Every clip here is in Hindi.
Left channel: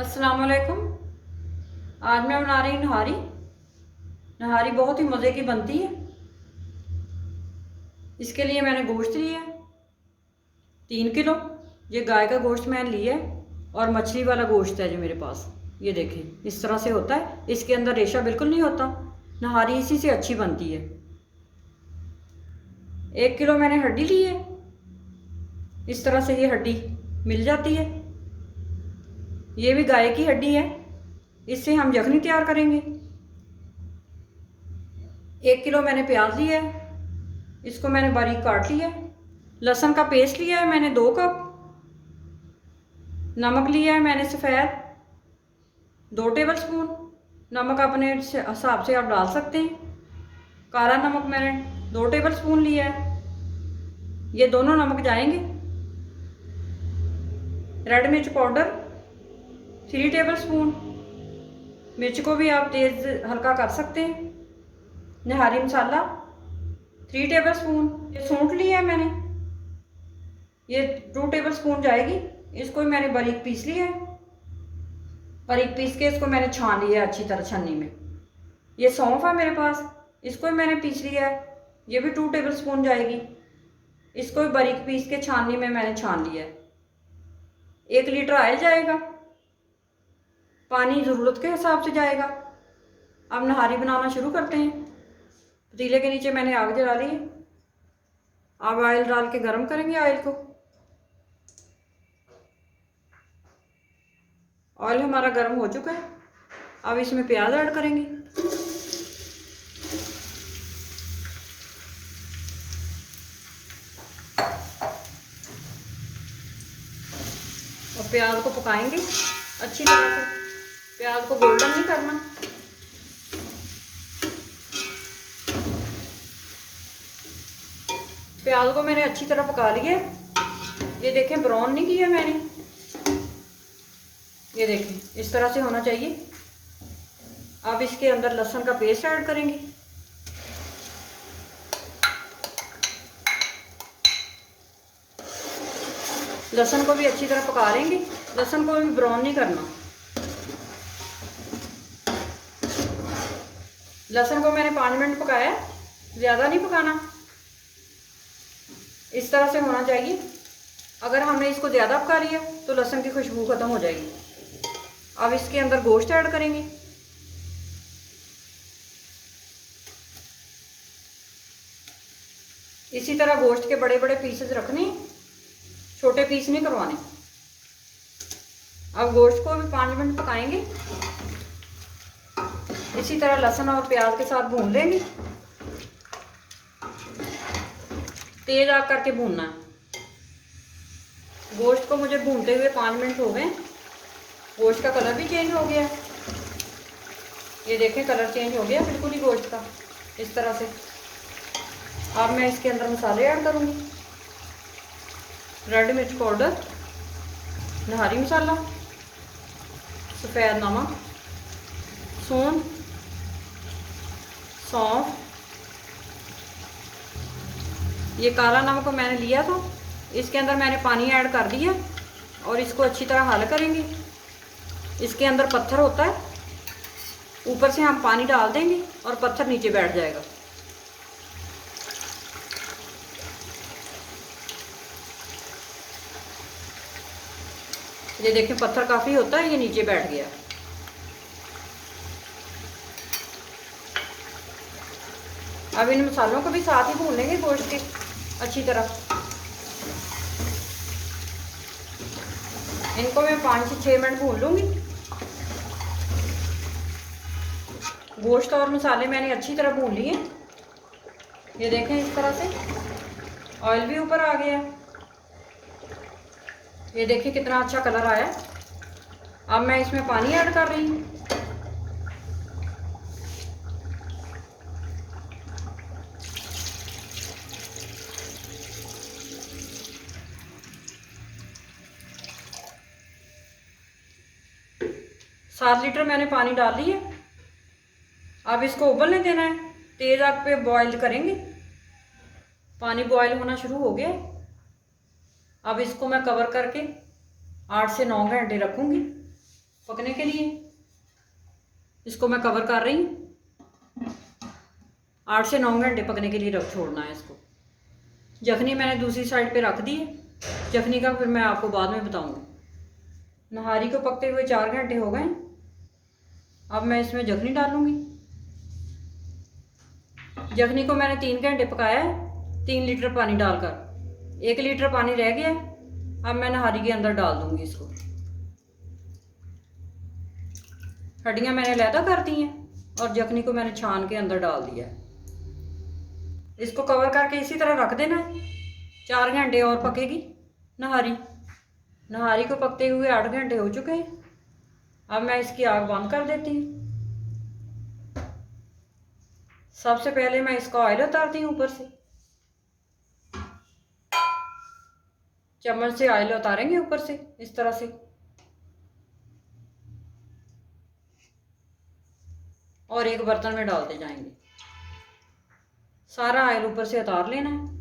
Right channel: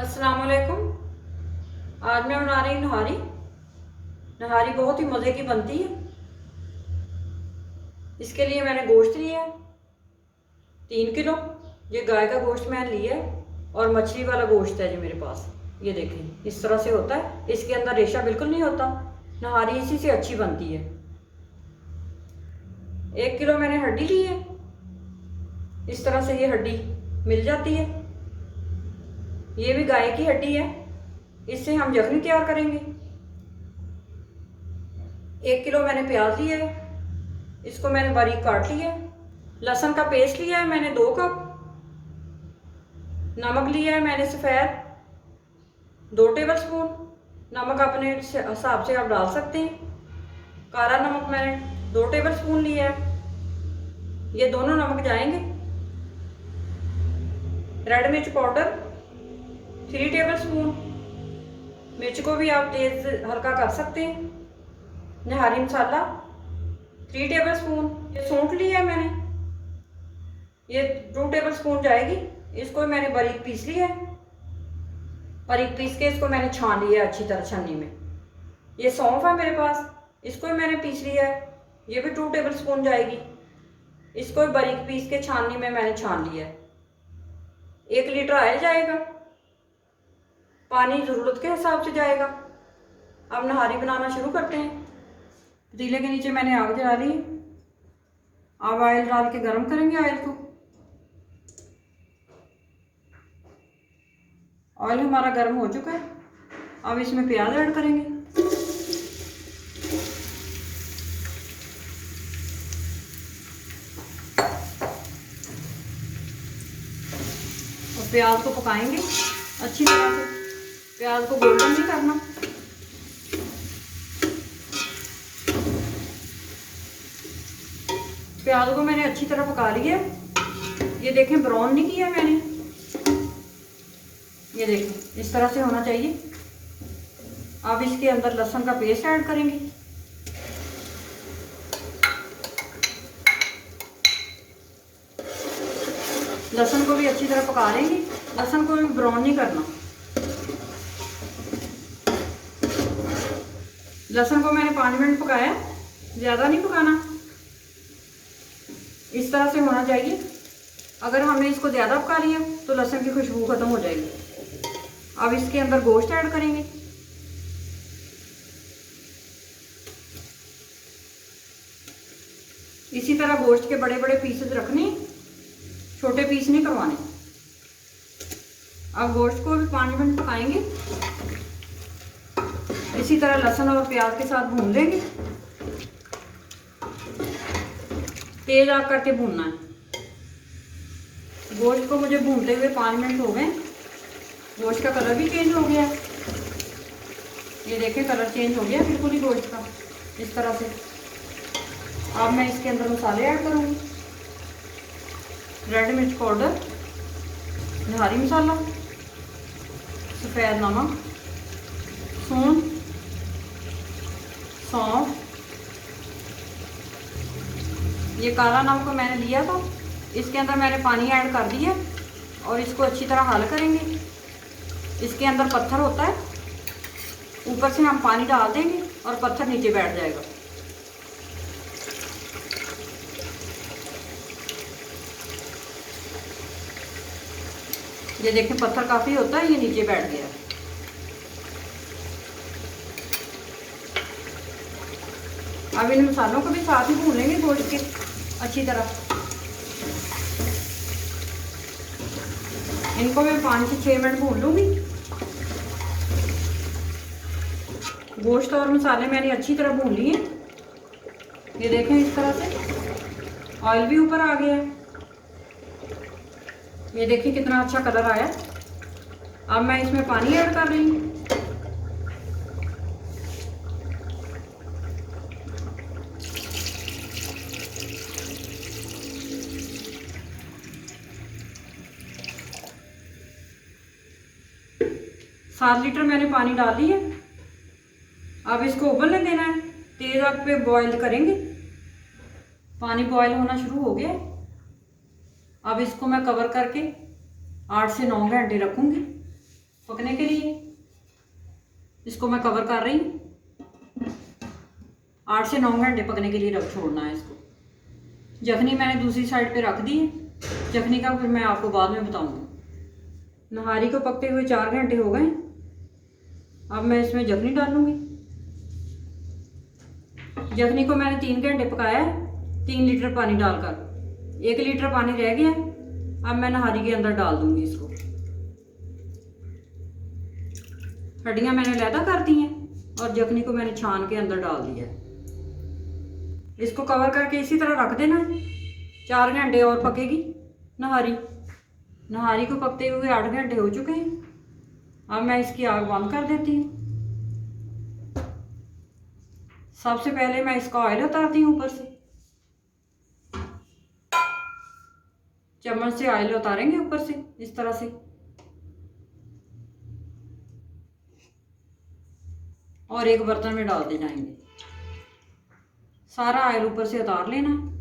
अस्सलाम वालेकुम। आज मैं बना रही हूँ नहारी। नहारी बहुत ही मज़े की बनती है। इसके लिए मैंने गोश्त लिया है 3 किलो। ये गाय का गोश्त मैंने लिया है और मछली वाला गोश्त है जो मेरे पास। ये देखें इस तरह से होता है, इसके अंदर रेशा बिल्कुल नहीं होता। नहारी इसी से अच्छी बनती है। 1 किलो मैंने हड्डी ली है। इस तरह से ये हड्डी मिल जाती है। ये भी गाय की हड्डी है। इससे हम यखनी तैयार करेंगे। 1 किलो मैंने प्याज लिया है, इसको मैंने बारीक काट लिया है। लहसुन का पेस्ट लिया है मैंने 2 कप। नमक लिया है मैंने सफ़ेद 2 टेबल स्पून। नमक अपने हिसाब से आप डाल सकते हैं। काला नमक मैंने 2 टेबल स्पून लिया है। ये दोनों नमक जाएंगे। रेड मिर्च पाउडर 3 टेबल स्पून। मिर्च को भी आप तेज हल्का कर सकते हैं। निहारी मसाला 3 टेबल स्पून। ये सूंठ लिया है मैंने, ये 2 टेबल स्पून जाएगी। इसको मैंने बारीक पीस लिया है। बारीक पीस के इसको मैंने छान लिया अच्छी तरह छन्नी में। ये सौंफ है मेरे पास, इसको भी मैंने पीस लिया है। ये भी 2 टेबल स्पून जाएगी। इसको भी बारीक पीस के छाननी में मैंने छान लिया है। 1 लीटर ऑयल जाएगा। पानी ज़रूरत के हिसाब से जाएगा। अब नहारी बनाना शुरू करते हैं। पतीले के नीचे मैंने आग जला ली है। अब ऑयल डाल के गर्म करेंगे ऑयल को। ऑयल हमारा गर्म हो चुका है। अब इसमें प्याज ऐड करेंगे। और प्याज को पकाएंगे अच्छी तरह से। प्याज को गोल्डन नहीं करना। प्याज को मैंने अच्छी तरह पका लिया। ये देखें ब्राउन नहीं किया मैंने। ये देखें इस तरह से होना चाहिए। अब इसके अंदर लहसुन का पेस्ट ऐड करेंगे। लहसुन को भी अच्छी तरह पका लेंगे। लहसुन को भी ब्राउन नहीं करना। लहसुन को मैंने 5 मिनट पकाया, ज़्यादा नहीं पकाना। इस तरह से होना चाहिए। अगर हमने इसको ज़्यादा पका लिया तो लहसुन की खुशबू खत्म हो जाएगी। अब इसके अंदर गोश्त ऐड करेंगे। इसी तरह गोश्त के बड़े बड़े पीसेस रखने, छोटे पीस नहीं करवाने। अब गोश्त को भी 5 मिनट पकाएंगे। इसी तरह लहसुन और प्याज के साथ भून लेंगे। तेज आग करके भूनना है। गोश्त को मुझे भूनते हुए 5 मिनट हो गए। गोश्त का कलर भी चेंज हो गया। ये देखें कलर चेंज हो गया बिल्कुल ही गोश्त का, इस तरह से। अब मैं इसके अंदर मसाले ऐड करूँगी। रेड मिर्च पाउडर, निहारी मसाला, सफ़ेद नमक, सौंफ। ये काला नमक मैंने लिया तो इसके अंदर मैंने पानी ऐड कर दिया और इसको अच्छी तरह हल करेंगे। इसके अंदर पत्थर होता है, ऊपर से हम पानी डाल देंगे और पत्थर नीचे बैठ जाएगा। ये देखिए पत्थर काफ़ी होता है, ये नीचे बैठ गया। अब इन मसालों को भी साथ ही भून लेंगे गोश्त के अच्छी तरह। इनको मैं 5 से 6 मिनट भून लूँगी। गोश्त और मसाले मैंने अच्छी तरह भून लिए। ये देखें इस तरह से ऑयल भी ऊपर आ गया। ये देखिए कितना अच्छा कलर आया। अब मैं इसमें पानी ऐड कर रही हूँ। सात लीटर मैंने पानी डाल ली है। अब इसको उबलने देना है। तेज आग पे बॉईल करेंगे। पानी बॉईल होना शुरू हो गया। अब इसको मैं कवर करके 8 से 9 घंटे रखूँगी। पकने के लिए। इसको मैं कवर कर रही हूँ। 8 से 9 घंटे पकने के लिए रख छोड़ना है इसको। जखनी मैंने दूसरी साइड पे रख दी है। जखनी का फिर मैं आपको बाद में बताऊंगी। नहारी को पकते हुए 4 घंटे हो गए। अब मैं इसमें जखनी डालूंगी। जखनी को मैंने 3 घंटे पकाया है 3 लीटर पानी डालकर। 1 लीटर पानी रह गया। अब मैं नहारी के अंदर डाल दूंगी इसको। हड्डियां मैंने अलहदा कर दी हैं और जखनी को मैंने छान के अंदर डाल दिया है। इसको कवर करके इसी तरह रख देना। 4 घंटे और पकेगी नहारी। नहारी को पकते हुए 8 घंटे हो चुके हैं। अब मैं इसकी आग बंद कर देती हूँ। सबसे पहले मैं इसका ऑयल उतारती हूँ ऊपर से। चम्मच से ऑयल उतारेंगे ऊपर से इस तरह से, और एक बर्तन में डालते जाएंगे। सारा ऑयल ऊपर से उतार लेना है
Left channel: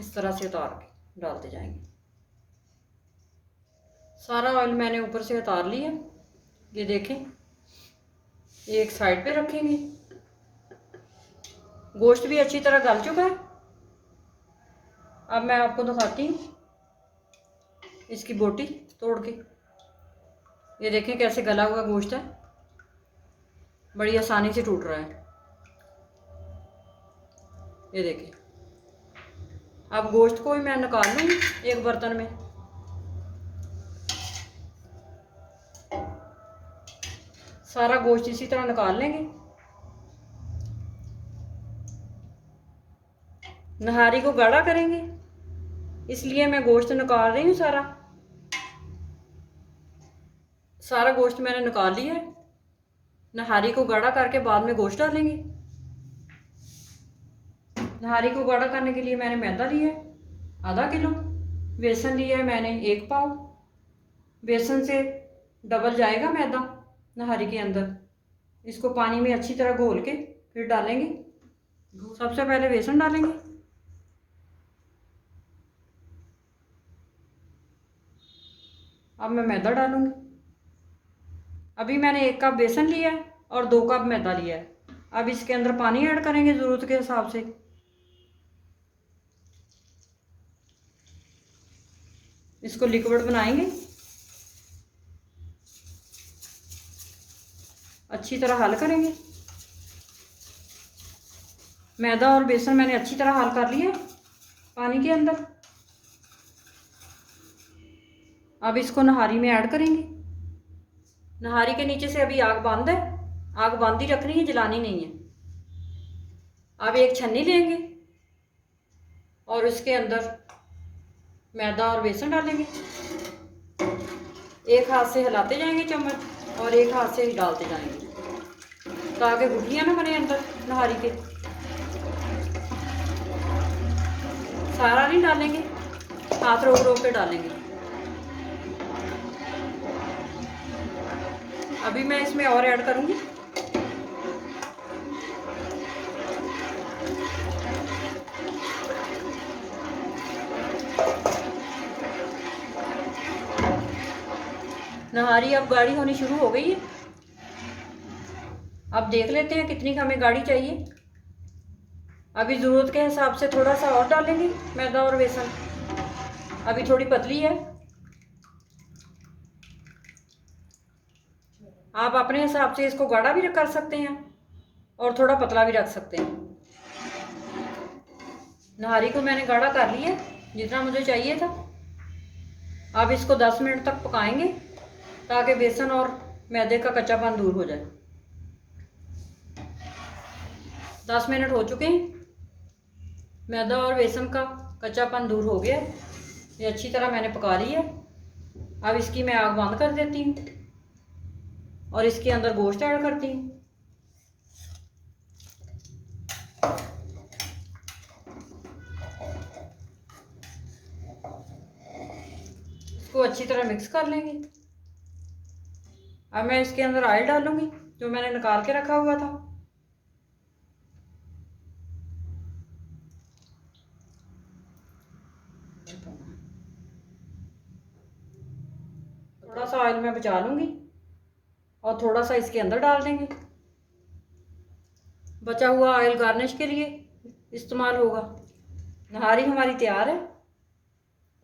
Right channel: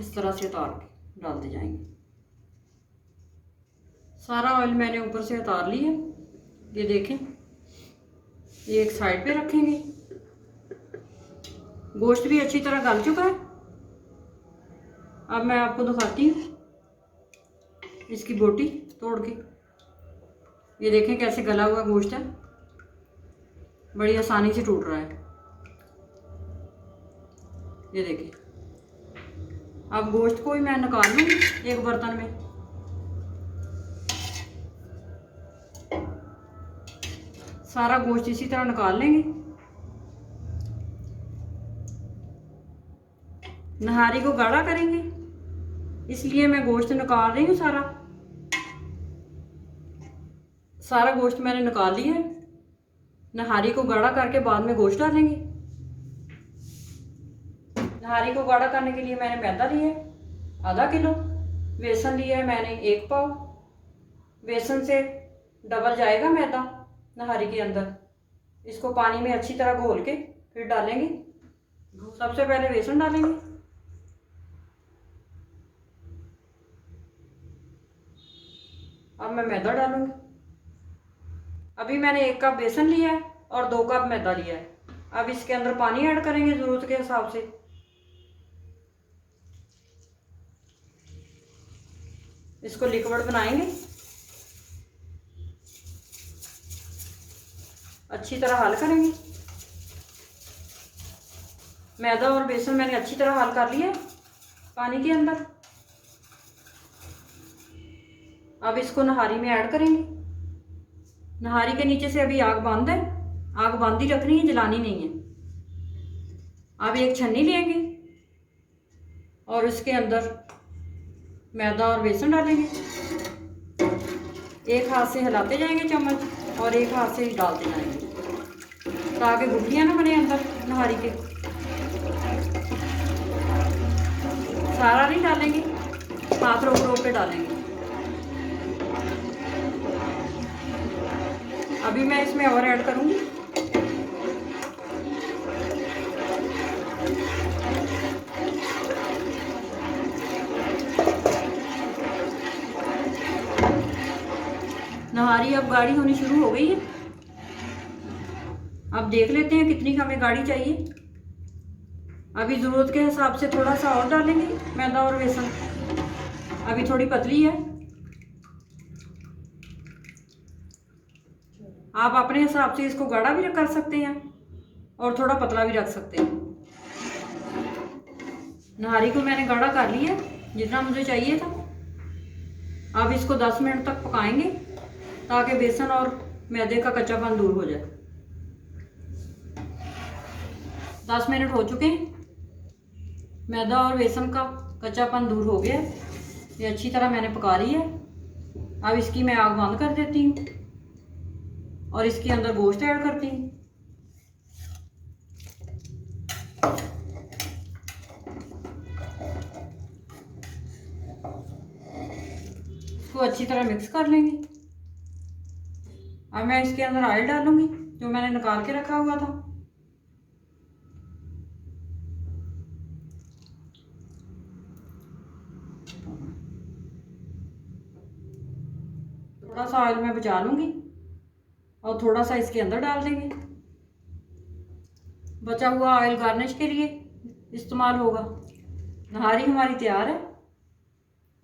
इस तरह से, उतार के डालते जाएंगे। सारा ऑयल मैंने ऊपर से उतार लिया। ये देखें, ये एक साइड पे रखेंगे। गोश्त भी अच्छी तरह गल चुका है। अब मैं आपको दिखाती हूँ इसकी बोटी तोड़ के। ये देखें कैसे गला हुआ गोश्त है, बड़ी आसानी से टूट रहा है। ये देखिए। अब गोश्त को भी मैं निकाल लूँगी एक बर्तन में। सारा गोश्त इसी तरह निकाल लेंगे। नहारी को गाढ़ा करेंगे, इसलिए मैं गोश्त निकाल रही हूँ। सारा गोश्त मैंने निकाल लिया है। नहारी को गाढ़ा करके बाद में गोश्त डालेंगे। नहारी को गाढ़ा करने के लिए मैंने मैदा लिया है आधा किलो। बेसन लिया है मैंने 1 पाव। बेसन से डबल जाएगा मैदा नहारी के अंदर। इसको पानी में अच्छी तरह घोल के फिर डालेंगे। सबसे पहले बेसन डालेंगे। अब मैं मैदा डालूंगी। अभी मैंने 1 कप बेसन लिया है और 2 कप मैदा लिया है। अब इसके अंदर पानी ऐड करेंगे ज़रूरत के हिसाब से। इसको लिक्विड बनाएंगे। अच्छी तरह हल करेंगे। मैदा और बेसन मैंने अच्छी तरह हल कर लिया पानी के अंदर। अब इसको नहारी में ऐड करेंगे। नहारी के नीचे से अभी आग बंद है। आग बंद ही रखनी है, जलानी नहीं है। अब एक छन्नी लेंगे और इसके अंदर मैदा और बेसन डालेंगे। एक हाथ से हिलाते जाएंगे चम्मच और एक हाथ से डालते जाएंगे ताकि गुठलियां ना बने अंदर नहारी के। सारा नहीं डालेंगे, हाथ रोक रोक के डालेंगे। अभी मैं इसमें और ऐड करूंगी। नहारी अब गाढ़ी होनी शुरू हो गई है। अब देख लेते हैं कितनी हमें गाढ़ी चाहिए। अभी ज़रूरत के हिसाब से थोड़ा सा और डालेंगे मैदा और बेसन। अभी थोड़ी पतली है, आप अपने हिसाब से इसको गाढ़ा भी कर सकते हैं और थोड़ा पतला भी रख सकते हैं। नहारी को मैंने गाढ़ा कर लिया जितना मुझे चाहिए था। अब इसको 10 मिनट तक पकाएंगे ताकि बेसन और मैदे का कच्चापन दूर हो जाए। 10 मिनट हो चुके हैं। मैदा और बेसन का कच्चापन दूर हो गया। ये अच्छी तरह मैंने पका ली है। अब इसकी मैं आग बंद कर देती हूँ और इसके अंदर गोश्त ऐड करती हूँ। इसको अच्छी तरह मिक्स कर लेंगे। अब मैं इसके अंदर ऑयल डालूंगी जो मैंने निकाल के रखा हुआ था। थोड़ा सा ऑयल मैं बचा लूँगी और थोड़ा सा इसके अंदर डाल देंगे। बचा हुआ ऑयल गार्निश के लिए इस्तेमाल होगा। नहारी हमारी तैयार है,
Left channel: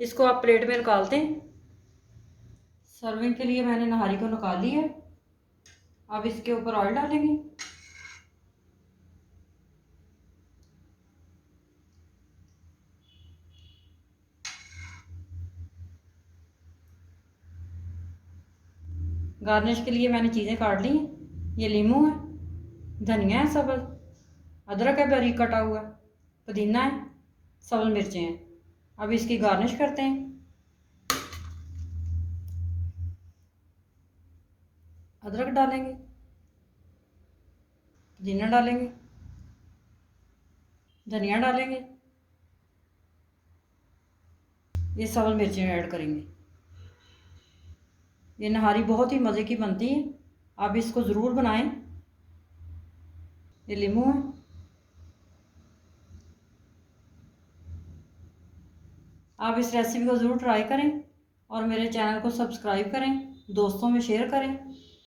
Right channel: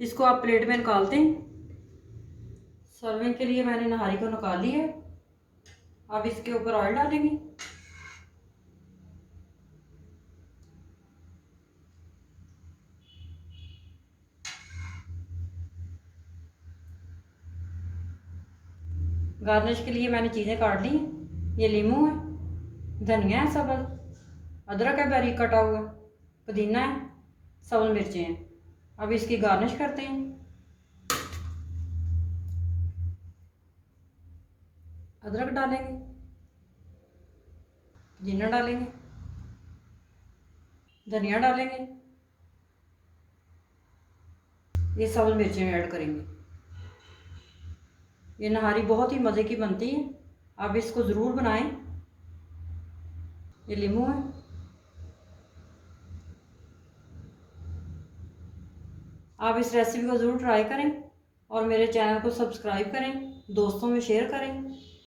इसको आप प्लेट में निकालते हैं। सर्विंग के लिए मैंने नहारी को निकाल ली है। अब इसके ऊपर ऑयल डालेंगे। गार्निश के लिए मैंने चीज़ें काट ली हैं। ये लीमू है, धनिया है सबल, अदरक है बारीक कटा हुआ, पुदीना है, सबल मिर्चें हैं। अब इसकी गार्निश करते हैं। अदरक डालेंगे, पुदीना डालेंगे, धनिया डालेंगे, ये सबल मिर्चें ऐड करेंगे। ये नहारी बहुत ही मज़े की बनती है, आप इसको ज़रूर बनाएं। ये लीमू है, आप इस रेसिपी को ज़रूर ट्राई करें और मेरे चैनल को सब्सक्राइब करें, दोस्तों में शेयर करें।